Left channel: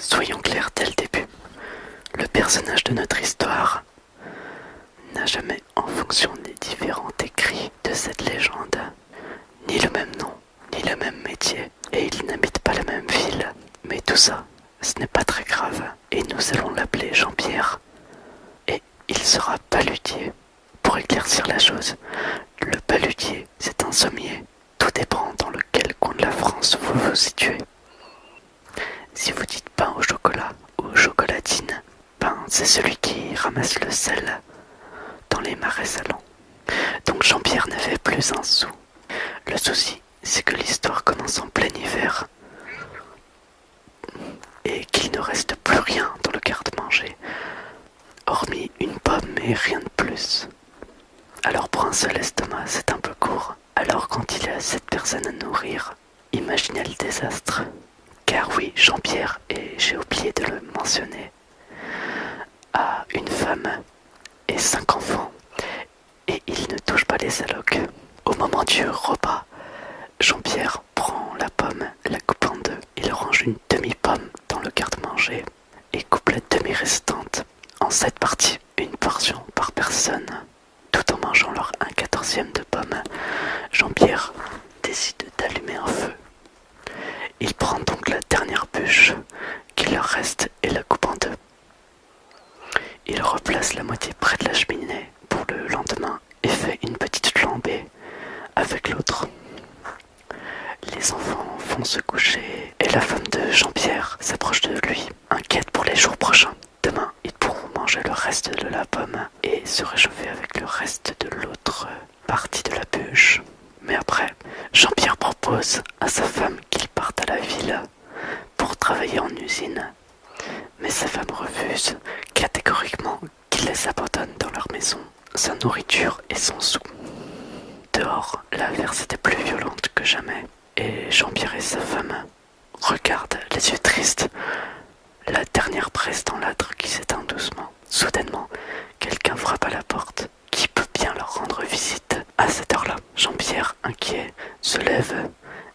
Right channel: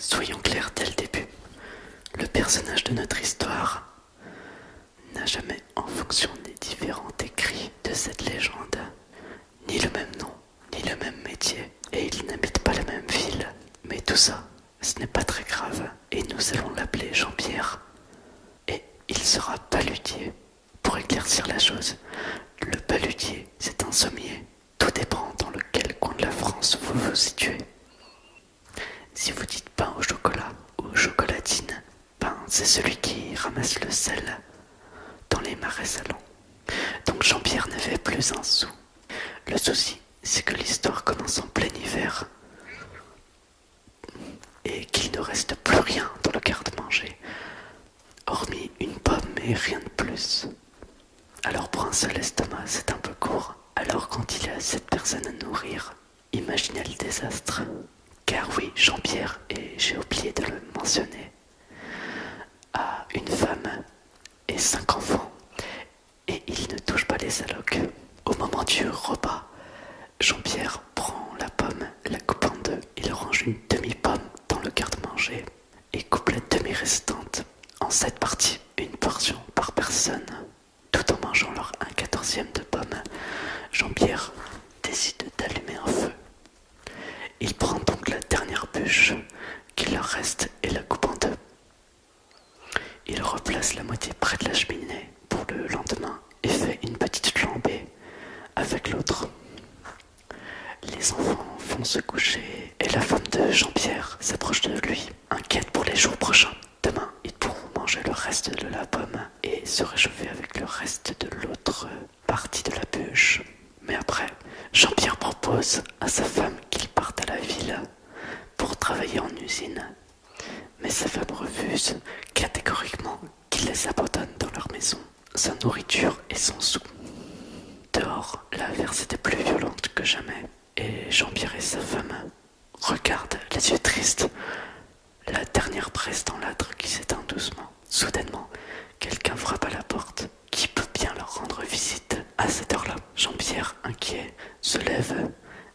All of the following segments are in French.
Soyons clairs dès le début. Le personnage de notre histoire n'a jamais, en fonction des différents écrits de cette légende, ni le même nom, ni le même métier, et il n'habite pas la même ville. Mais tout ça, ce n'est pas très grave, et nous allons l'appeler Jean-Pierre. Et il sera paludier. Pour éclaircir la chose, le paludier, c'est un sommier. Tout dépend dans lequel coin de la France vous vous situez. Si vous dites pain au chocolat ou chocolatine, pain c'est celui qui ramasse le sel dans les marais salants. Donc Jean-Pierre n'avait plus un sou. Le souci, c'est que l'histoire commence en plein hiver et qu'il ne reste plus rien dans le garde-manger, hormis une pomme et rien de plus. Alors pour un seul estomac, c'est un peu court. Alors quand il y a 7 personnes à nourrir, imaginez le désastre. Car oui, Jean-Pierre, et j'ai oublié de le mentionner, a une femme et 5 enfants, et il ne touche pas les allocs. Au moment du repas, Jean-Pierre prend la pomme, la coupe en deux, il range une demi-pomme dans le garde-manger et coupe la demi-restante en 7 parties, une portion par personne. Tout en mangeant leur 1/14 de pomme, Jean-Pierre décide d'allumer un feu. Il prend donc la dernière bûche qu'il leur reste et la coupe en deux. Il replace la moitié près de la cheminée pour le lendemain et fait une petite flambée avec l'autre. Les enfants vont se coucher et la femme de Jean-Pierre s'approche de lui, inquiète pour les jours prochains. Demain, ils pourront manger le reste de la pomme et se réchauffer avec le reste de l'autre partie de la bûche. Mais après, Jean-Pierre propose à sa femme qu'il parte à la ville pour travailler en usine. Mais sa femme refuse catégoriquement qu'il les abandonne dans leur maison, sa nourriture et son sou. Dehors, l'averse était plus violente que jamais, et Jean-Pierre et sa femme regardent les yeux tristes la dernière presse dans l'âtre qui s'éteint doucement. Soudainement, quelqu'un frappe à la porte. Qui peut bien leur rendre visite à cette heure-là? Jean-Pierre, inquiet, se lève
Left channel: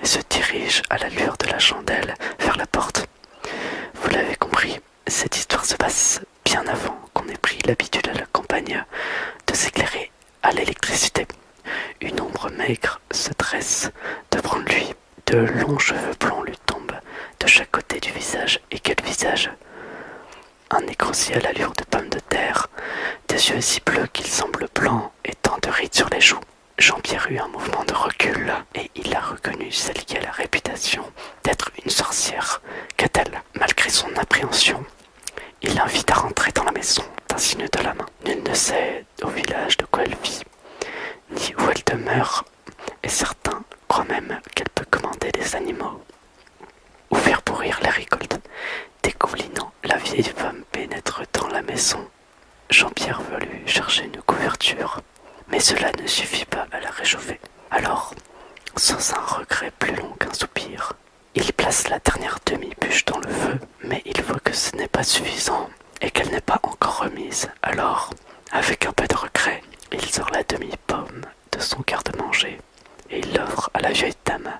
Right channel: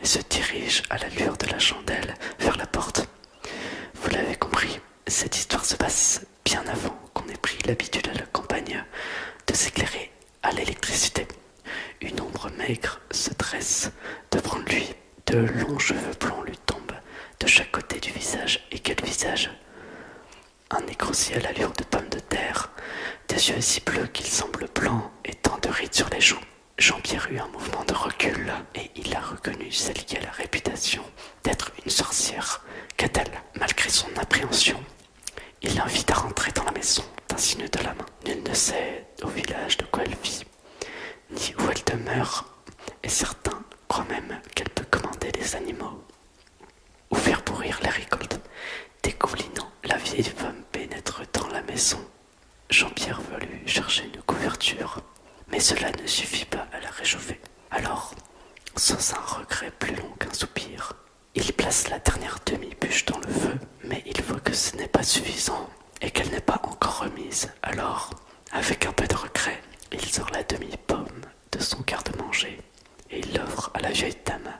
et se dirige à l'allure de la chandelle vers la porte. Vous l'avez compris, cette histoire se passe bien avant qu'on ait pris l'habitude à la campagne de s'éclairer à l'électricité. Une ombre maigre se dresse devant lui, de longs cheveux blonds lui tombent de chaque côté du visage. Et quel visage! Un nez grossi à l'allure de pomme de terre, des yeux si bleus qu'ils semblent blancs et tant de rides sur les joues. Jean-Pierre eut un mouvement de recul et il a reconnu celle qui a la réputation d'être une sorcière. Qu'a-t-elle, malgré son appréhension? Il l'invite à rentrer dans la maison d'un signe de la main. Nul ne sait au village de quoi elle vit, ni où elle demeure, et certains croient même qu'elle peut commander des animaux ou faire pourrir les récoltes. Dégoulinant, la vieille femme pénètre dans la maison. Jean-Pierre veut lui chercher une couverture, mais cela ne suffit pas à la réchauffer. Alors, sans un regret plus long qu'un soupir, il place la dernière demi-bûche dans le feu, mais il voit que ce n'est pas suffisant et qu'elle n'est pas encore remise. Alors, avec un peu de regret, il sort la demi-pomme de son garde-manger et il l'offre à la vieille dame.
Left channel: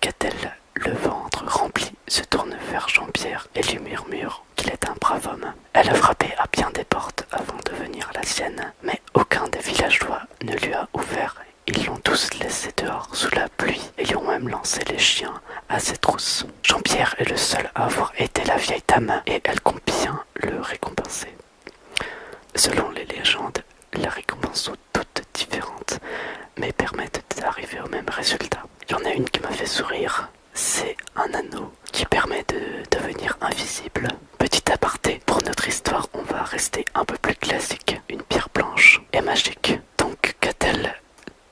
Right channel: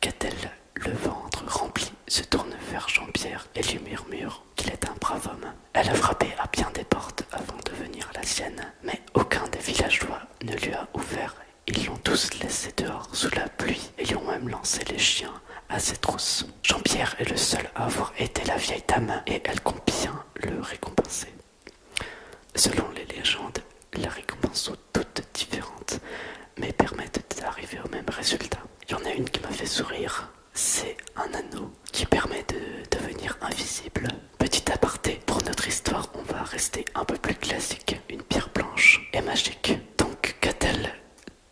Qu'a-t-elle? Le ventre rempli se tourne vers Jean-Pierre et lui murmure qu'il est un brave homme. Elle a frappé à bien des portes avant de venir à la sienne, mais aucun des villageois ne lui a ouvert. Ils l'ont tous laissé dehors sous la pluie et lui ont même lancé les chiens à ses trousses. Jean-Pierre est le seul à avoir aidé la vieille dame et elle compte bien le récompenser. Selon les légendes, les récompenses sont toutes différentes, mais permettent d'arriver au même résultat. Il y en a une qui m'a fait sourire. C'est un anneau qui permet de devenir invisible. Petit aparté, pour notre histoire, on va rester un peu plus classique. Une pierre blanche et magique. Donc, qu'a-t-elle?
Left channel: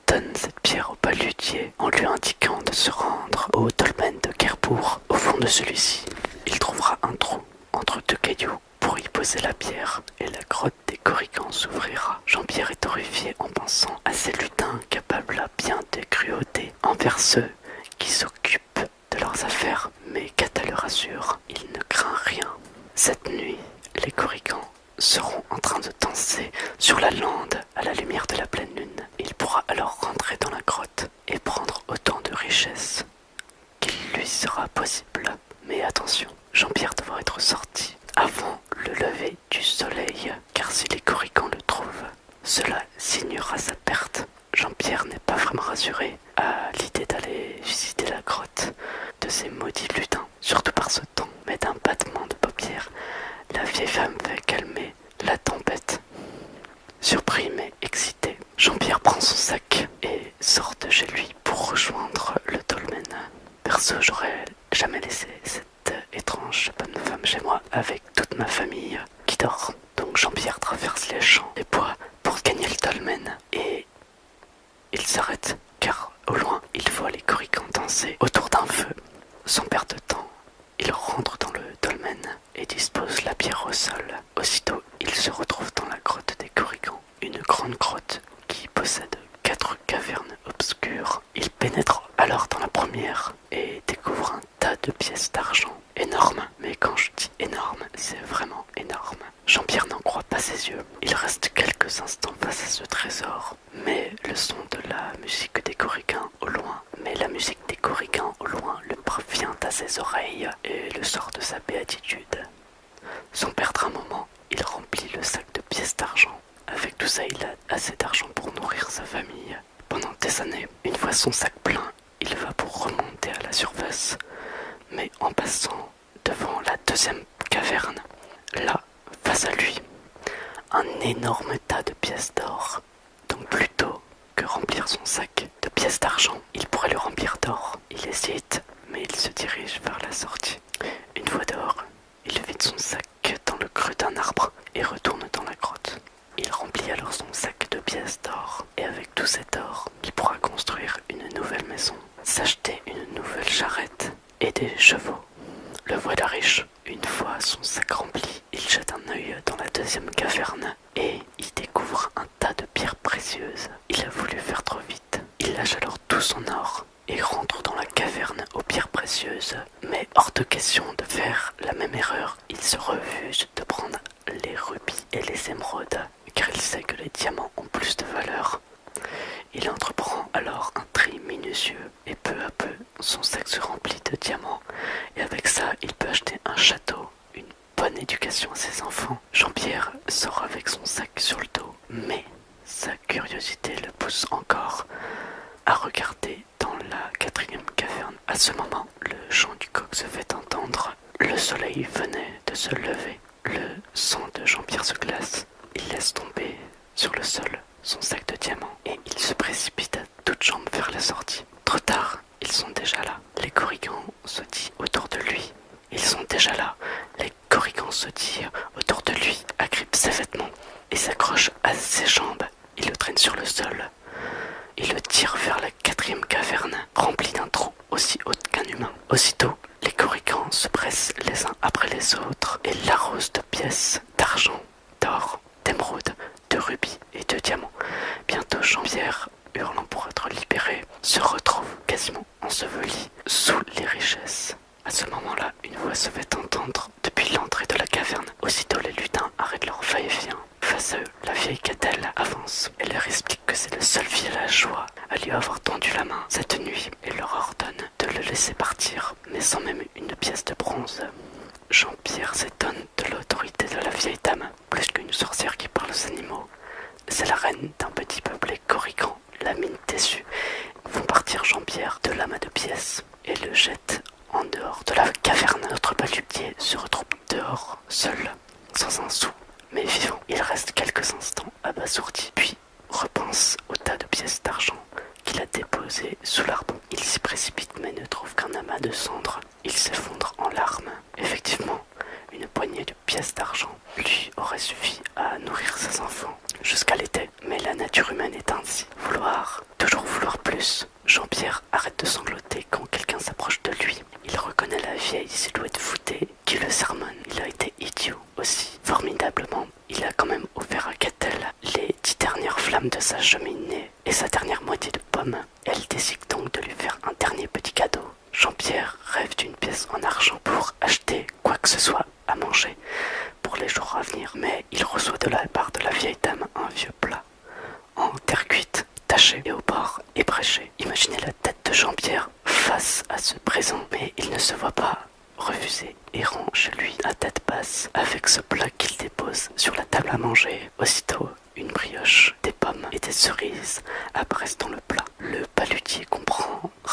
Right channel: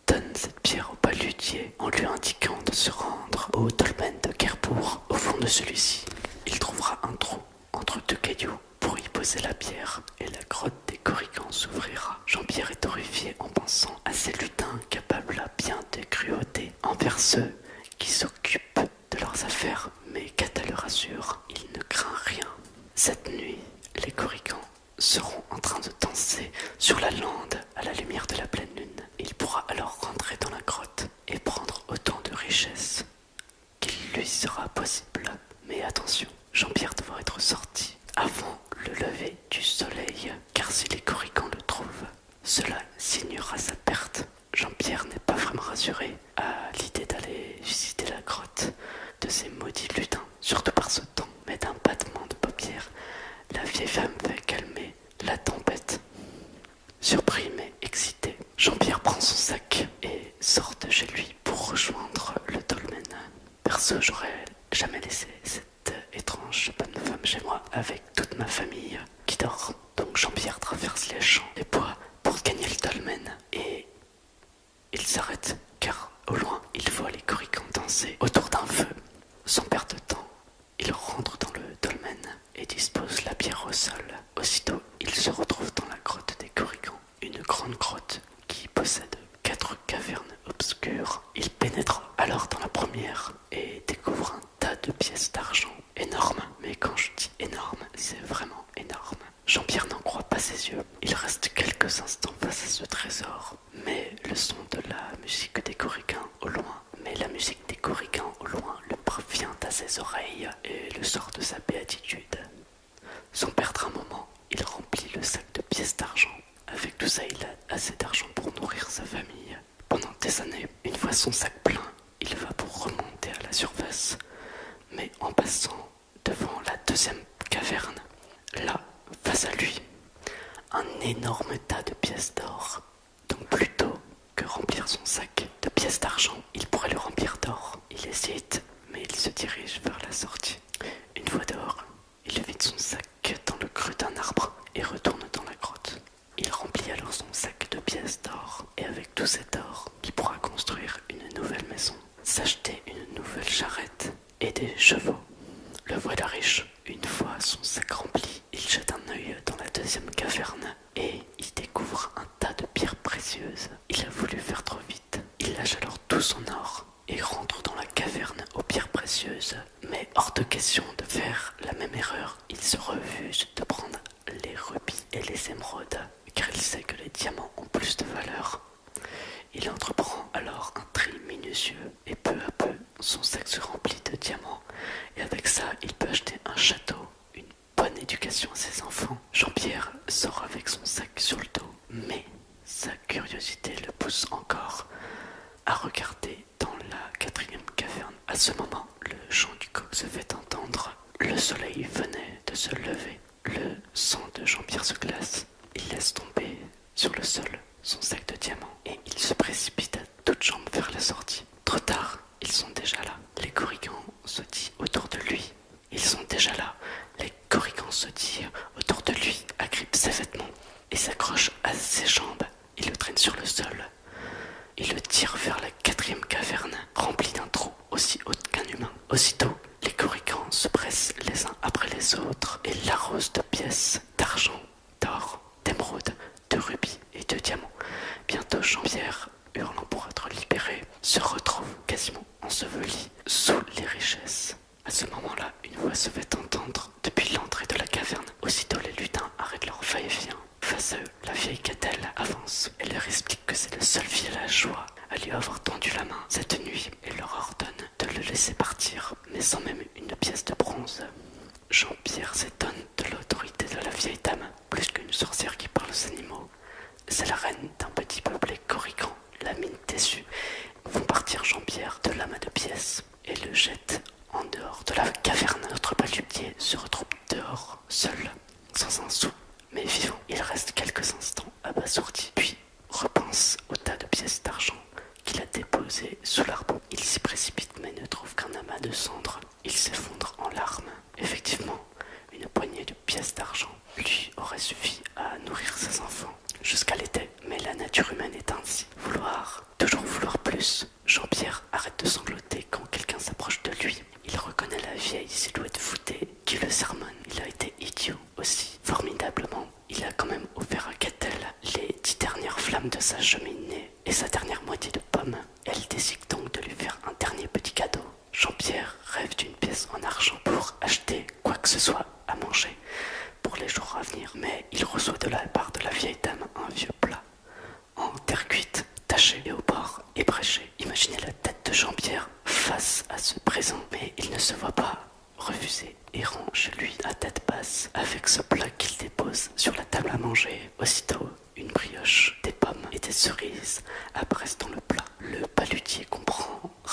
Donne cette pierre au paludier en lui indiquant de se rendre au dolmen de Kerbourg. Au fond de celui-ci, il trouvera un trou entre 2 cailloux pour y poser la pierre et la grotte des Corrigans s'ouvrira. Jean-Pierre est horrifié en pensant à ces lutins capables à bien de cruauté envers ceux qui s'occupent de leurs affaires, mais Cata le rassure, il ne craint rien. Cette nuit, les Corrigans seront en train de danser sur la lande à la lumière de la pleine lune. Il pourra alors rentrer dans la grotte et prendre autant de richesses qu'il lui sera possible. Mais Mais attention, Jean-Pierre devra être sorti avant le lever du soleil, car si les corrigans le trouvent, cela signera sa perte. Jean-Pierre n'est pas vraiment rassuré à l'idée d'aller visiter la grotte de ces maudits lutins, surtout par ce temps, mais d'un battement de paupières, la vieille femme fait calmer la tempête. Surpris mais excité, Jean-Pierre prend son sac et sort de chez lui pour rejoindre le dolmen. Perso, j'aurais jamais laissé cette étrange bonne femme chez moi avec toute ma famille qui dort. Donc Jean-Pierre traverse les champs et bois pour gagner le dolmen et il s'arrête car au loin il voit les corrigans danser autour d'un feu. Sans perdre de temps, il rentre dans le dolmen et dispose la pierre au sol. Aussitôt, il se retrouve dans la grotte des corrigans, une grande grotte qui possède 4 cavernes obscures. Il pénètre alors dans la première et découvre un tas de pièces d'argent énormes. Mais quand je dis énorme, c'est vraiment énorme. Jean-Pierre n'en croit pas ses yeux. Il reste quelques instants face à ce trésor, mais le son de la musique des corrigans au loin, le parvient à ses oreilles et le sort de sa béatitude. Sans perdre un moment, il remplit le sac de pièces d'argent. Avec tout ça, il a assez d'argent pour nourrir sa famille. Pendant des années, une fois son sac plein, il va pour remonter à la surface. Mais en passant devant la deuxième caverne, là, face à lui, un énorme tas de pièces d'or. Donc plutôt que remplir son sac de pièces d'argent, il pourrait le remplir d'or. Il hésite, mais il se dirige vers la sortie. Une fois dehors, il vide son sac dans le creux d'un arbre et retourne dans la grotte. Il remplit alors son sac de pièces d'or et avec tout cet or, il pourra construire une nouvelle maison, s'acheter une nouvelle charrette et des chevaux. Le voilà riche. Une fois son sac rempli, il jette un œil dans la deuxième caverne et y découvre un tas de pierres précieuses. Il a voulu faire trop vite. Il lâche alors tout son or et rentre dans la caverne aux pierres précieuses. Mais hors de question de faire la même erreur. Il se refuse de prendre les rubis et les émeraudes car il sait que les diamants ont plus de valeur. Il entreprend alors un tri minutieux et peu à peu son sac se remplit de diamants et avec ça il peut acheter un château, une bonne éducation à ses enfants. Jean-Pierre sort avec son sac sur le dos, mais sa curiosité le pousse encore à regarder dans la quatrième caverne. À ce moment, le chant du coq se fait entendre. Le soleil venait de se lever. Le sang de Jean-Pierre se glace. Il laisse tomber sur le sol son sac de diamants et il se précipite à toutes jambes vers la sortie. Trop tard, ils sont déjà là. Les corrigans sautillent autour de lui. Ils sont déjà là. Les corrigans sautillent autour de lui, agrippent ses vêtements et s'accrochent à ses jambes. Ils le traînent sur le sol. Ils le tirent vers la quatrième caverne, remplie d'un trou aussi haut qu'un humain. Aussitôt, les corrigans se pressent les uns après les autres et l'arrosent de pièces d'argent, d'or, d'émeraude, de rubis et de diamants. Bientôt, Jean-Pierre, hurlant pour être libéré, se retrouve quasiment enseveli sous les richesses. À ce moment-là, une voix se fait entendre depuis l'entrée de la caverne. Aussitôt, les lutins arrêtent leur va-et-vient. Face à eux, la vieille Cadelle avance. Elle leur explique que c'est le seul villageois à lui avoir tendu la main cette nuit et leur ordonne de le laisser partir, mais sans même une pièce de bronze. Jean-Pierre s'étonne de l'autorité de la vieille dame, plus qu'une sorcière qui parle aux animaux. C'est la reine d'un petit peuple corrigan, la mine déçue. Font partir Jean-Pierre de l'amas de pièces et le jettent en dehors de la caverne. Notre paludier se retrouve dehors, seul, sans un sou, mais vivant. Il reste quelques instants abasourdi, puis repense au tas de pièces d'argent qu'il a déposé sous l'arbre. Il s'y précipite mais ne trouve qu'un amas de cendres. Il s'effondre en larmes. Effectivement, une poignée de pièces d'argent lui aurait suffi à nourrir ses enfants jusqu'à l'été. Mais la nature humaine est ainsi. Toujours vouloir plus. Jean-Pierre arrête de sangloter quand quelqu'un s'approche de lui. Il reconnaît la vieille silhouette voûtée qui le sermonne. Il a été idiot aussi. Formidablement, il a quand même offert à Cadelle les 10 dernières flammes de sa cheminée et sa dernière moitié de pomme. Elle décide donc de lui faire un dernier petit cadeau. Jean-Pierre rêve d'une pièce en argent pour acheter quoi que ce soit à manger pour les jours à venir. Mais il reçoit de la part de la vieille dame un vieux plat en terre cuite, taché et au bord ébréché. Imaginez la tête de Jean-Pierre face à ce présent, mais il ne se voit pas refuser.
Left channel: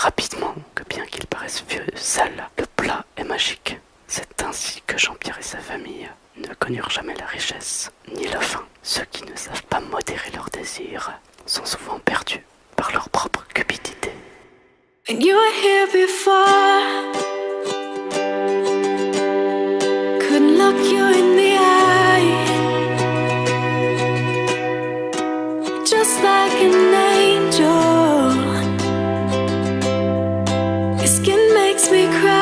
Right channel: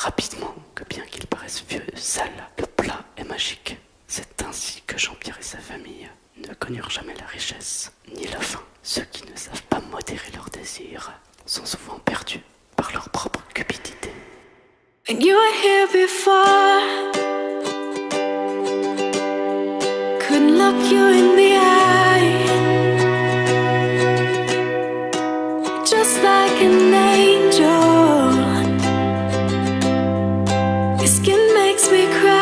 rapidement que bien qu'il paraisse vieux et sale, le plat est magique. C'est ainsi que Jean-Pierre et sa famille ne connurent jamais la richesse ni la faim. Ceux qui ne savent pas modérer leurs désirs sont souvent perdus par leur propre cupidité. And you were here before, couldn't look you in the eye, just like an angel. Your skin makes me cry.